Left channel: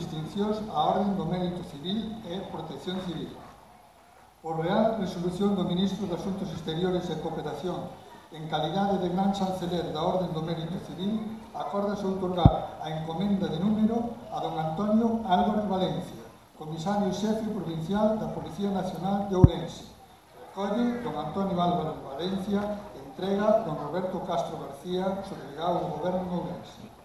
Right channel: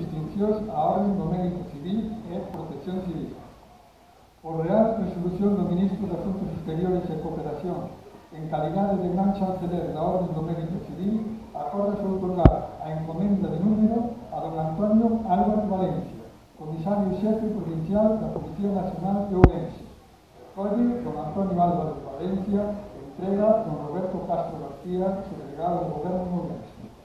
distincións á orden do mérito civil e protección civil. Por Real Resolución do Ministro de Asuntos Exteriores e Cooperación, en calidade de gran chanceler da Orden do Mérito Civil, acórdase outorgar a encomenda de número a don Antonio Álvarez Valencia, comisario xefe provincial da Policía Nacional de Ourense. Colle don Antonio Álvarez Valencia, entrega don Roberto Castro García, subdelegado do Goberno de Ourense.